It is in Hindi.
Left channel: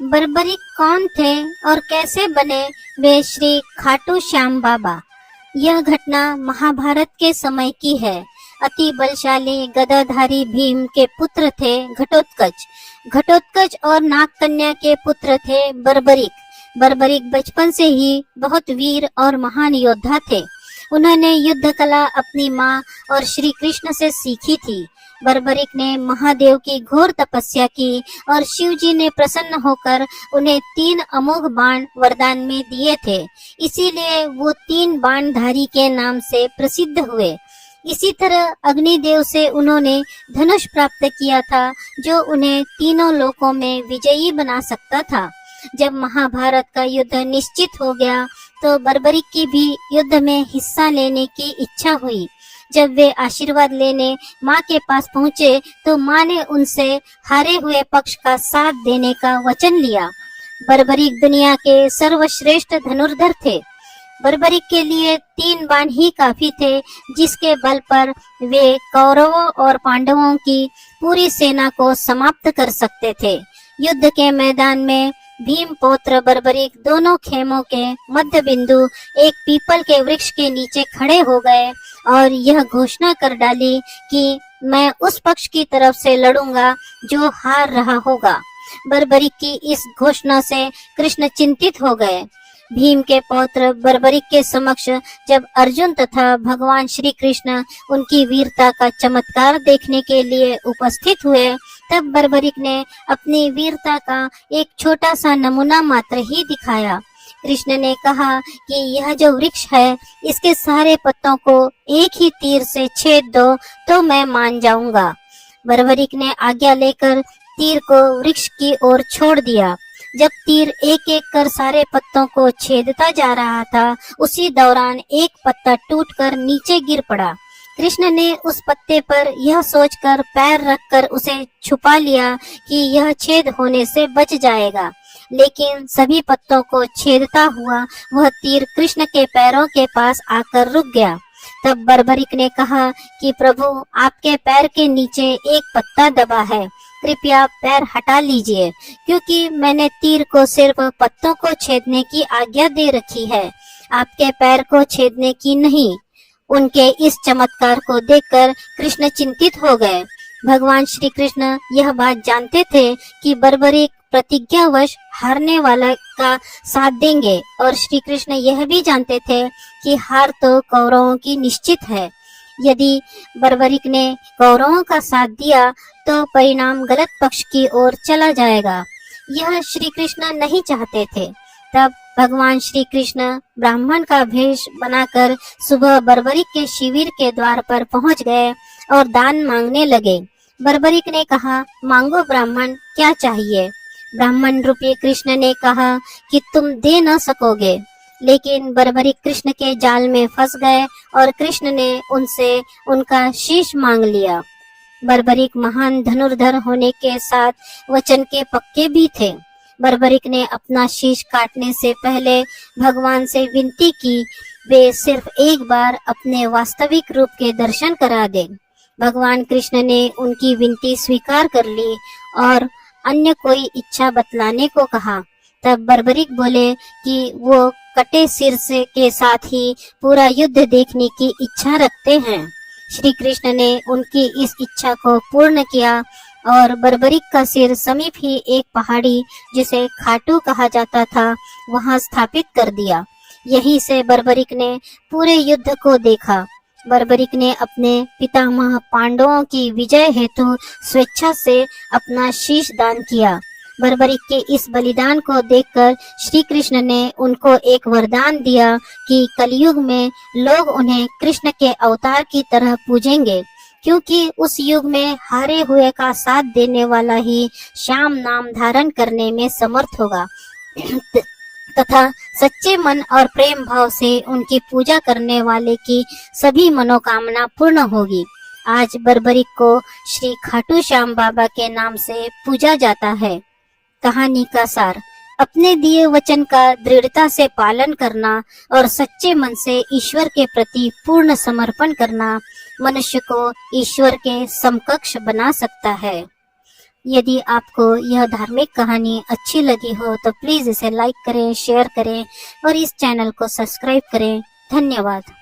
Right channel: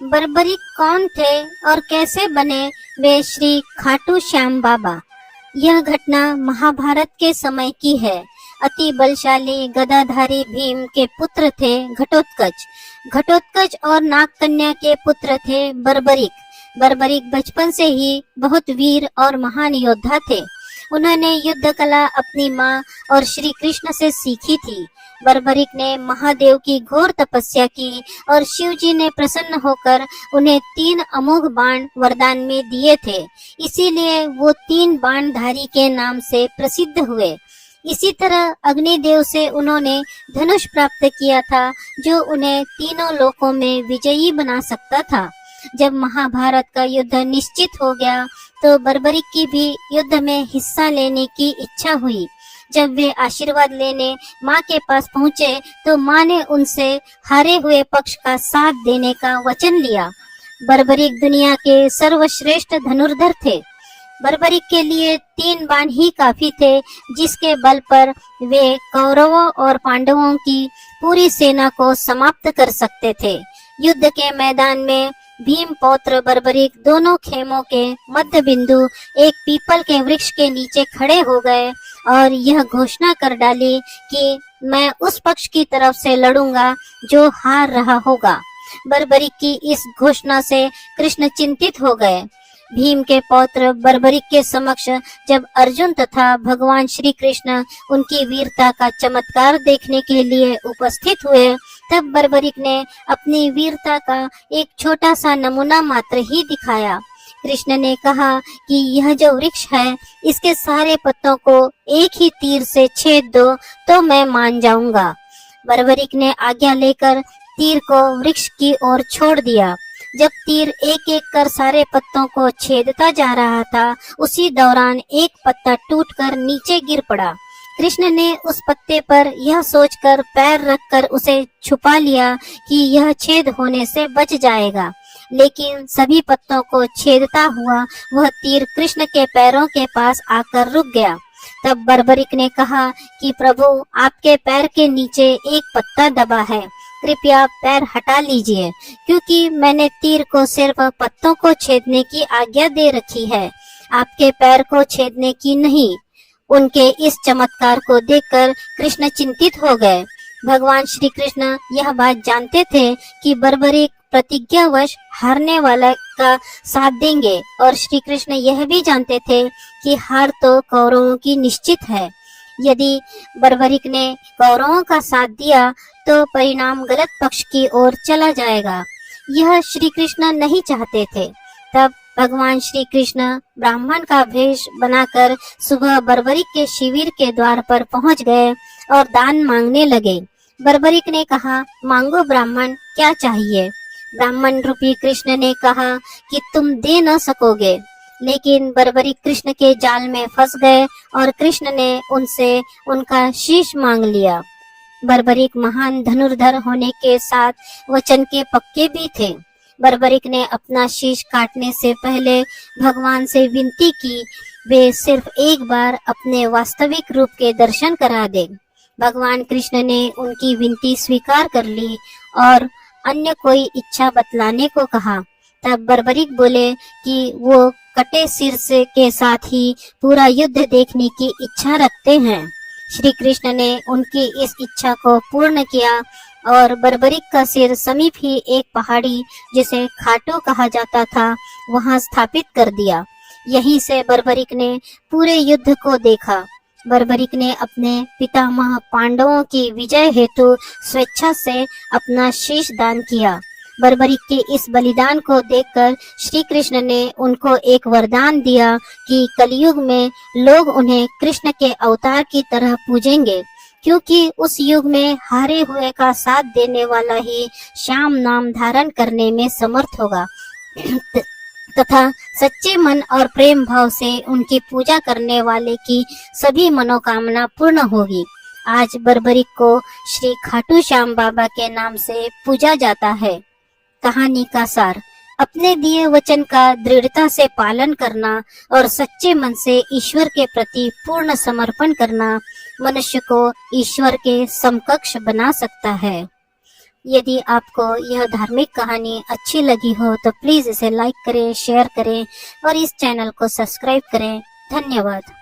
बर्बरिक कौन थे और कैसे बने वे श्री खाटू श्याम बाबा? यह घटना महाभारत के समय की है। अति बलशाली गदाधारी भीम के पुत्र थे घटोत्कच। घटोत्कच और नागकन्या के पुत्र थे बर्बरिक। बर्बरिक बचपन से ही बहुत वीर और महान योद्धा थे। उन्होंने युद्ध कला अपनी माँ और श्री कृष्ण से सीखी थी। बर्बरिक ने महादेव की घोर तपस्या की और शिव जी ने प्रसन्न होकर उन्हें 3 अमोघ बाण वरदान में दिए थे। इसीलिए वो 3 बाणधारी के नाम से प्रसिद्ध हुए। इसी तरह अग्निदेव से उन्होंने धनुष प्राप्त किया था, जो उन्हें तीनों लोकों में विजयी बना सकता था। जब महाभारत का युद्ध निश्चित हो गया तो बर्बरिक की भी युद्ध में हिस्सा लेने की इच्छा हुई। जब वे आशीर्वाद लेने माँ के पास पहुँचे तो माँ ने उनसे हारे हुए पक्ष का साथ देने का वचन लिया। बर्बरिक दुनिया के सर्वश्रेष्ठ धनुर्धर थे। बर्बरिक के लिए 3 बाण ही काफी थे, जिसके बल पर वे कौरवों और पांडवों की पूरी सेना को समाप्त कर सकते थे। युद्ध के मैदान में भीम पौत्र बर्बरिक दोनों खेमों के मध्य बिंदु एक पीपल के वृक्ष के नीचे खड़े हो गए और यह घोषणा कर डाली कि मैं उस पक्ष की तरफ से लड़ूंगा जो हार रहा होगा। बर्बरिक की इस घोषणा से कृष्ण चिंतित हो गए। भीम के पौत्र बर्बरिक के समक्ष जब अर्जुन तथा भगवान श्री कृष्ण उनकी वीरता का चमत्कार देखने के लिए उपस्थित हुए, तब बर्बरिक ने अपनी वीरता का एक छोटा सा नमूना मात्र ही दिखाया। कृष्ण ने कहा कि यह जो वृक्ष है, इसके सारे पत्तों को एक ही तीर से छेद दो तो मैं मान जाऊंगा। बर्बरिक ने आज्ञा लेकर तीर को वृक्ष की ओर छोड़ दिया। जब तीर एक एक कर सारे पत्तों को छेदता जा रहा था, उसी दौरान एक पत्ता टूटकर नीचे गिर पड़ा। कृष्ण ने उस पत्ते पर यह सोचकर पैर रखकर उसे छुपा लिया कि यह छेद होने से बच जाएगा, लेकिन सभी पत्तों को छेदता हुआ वह तीर कृष्ण के पैरों के पास आकर रुक गया। तब बर्बरिक ने कहा कि प्रभु, आपके पैर के नीचे एक पत्ता दबा है, कृपया पैर हटा लीजिए, क्योंकि मैंने तीर को सिर्फ पत्तों को छेदने की आज्ञा दे रखी है, आपके पैर को छेदने की नहीं। उनके इस चमत्कार को देखकर कृष्ण चिंतित हो गए। भगवान श्री कृष्ण यह बात जानते थे कि बर्बरिक प्रतिज्ञावश हारने वाला का साथ देंगे, और श्री कृष्ण यह भी जानते थे कि हार तो कौरवों की निश्चित है। यदि बर्बरिक ने कौरवों का साथ दिया तो परिणाम गलत पक्ष की ओर चला जाएगा। यह श्री कृष्ण नहीं चाहते थे। तब भगवान श्री कृष्ण ब्राह्मण का भेष बनाकर सुबह बर्बरिक के शिविर के द्वार पर पहुंच गए और दान मांगने लगे। बर्बरिक ने कहा, मांगो ब्राह्मण, क्या चाहिए? ब्राह्मण रूपी कृष्ण ने कहा कि तुम दे न सकोगे, लेकिन बर्बरिक कृष्ण के जाल में फंस गए और कृष्ण ने उनसे उनका शीश मांग लिया। बर्बरिक महान धनुर्धर होने के साथ वचन के पक्के भी थे। बर्बरिक ने अपना शीश काटने से पहले भगवान से विनती की वे सिर्फ एक बार अपने वास्तविक रूप के दर्शन करा दे। भगवान कृष्ण ने उनकी विनती स्वीकार कर ली और अन्य कोई इच्छा बतलाने को कहा। तब बर्बरिक बोले कि वो कटे सिर से के साथ ही पूरा युद्ध देखने की इच्छा रखते हैं। श्री कृष्ण ने उनकी इस इच्छा को पूर्ण किया और बर्बरिक का सिर समीप ही एक पहाड़ी, जिसे खाटू कहा जाता था, वहां स्थापित कर दिया। यहीं से बर्बरिक ने पूरे युद्ध को देखा। बर्बरिक ने अपने पितामह पांडवों की विजय हेतु स्वेच्छा से अपना शीश दान किया। बर्बरिक के इस बलिदान को देखकर श्री कृष्ण ने उनको एक वरदान दिया कि कलयुग में लोग उन्हें कृष्ण के अवतार की तरह पूजेंगे, क्योंकि उस युग में हारे हुए का साथ देने वाला ही श्याम नाम धारण करने में समर्थ होगा तथा सच्चे मन और प्रेम भाव से उनकी पूजा करने वाले की सभी मनोकामना पूर्ण होगी। आज बर्बरिक को श्री खाटू श्याम बाबा के नाम से पूजा जाता है। कहानी का सार, अपने दिए वचन का दृढ़ता से पालन करना और सच्चे मन से ईश्वर के प्रति पूर्ण समर्पण करना मनुष्य को ईश्वर के समकक्ष बना सकता है। यदि आपको यह धार्मिक कहानी अच्छी लगी हो तो प्लीज इसे लाइक करें, शेयर करें और इस चैनल को सब्सक्राइब करें। धन्यवाद।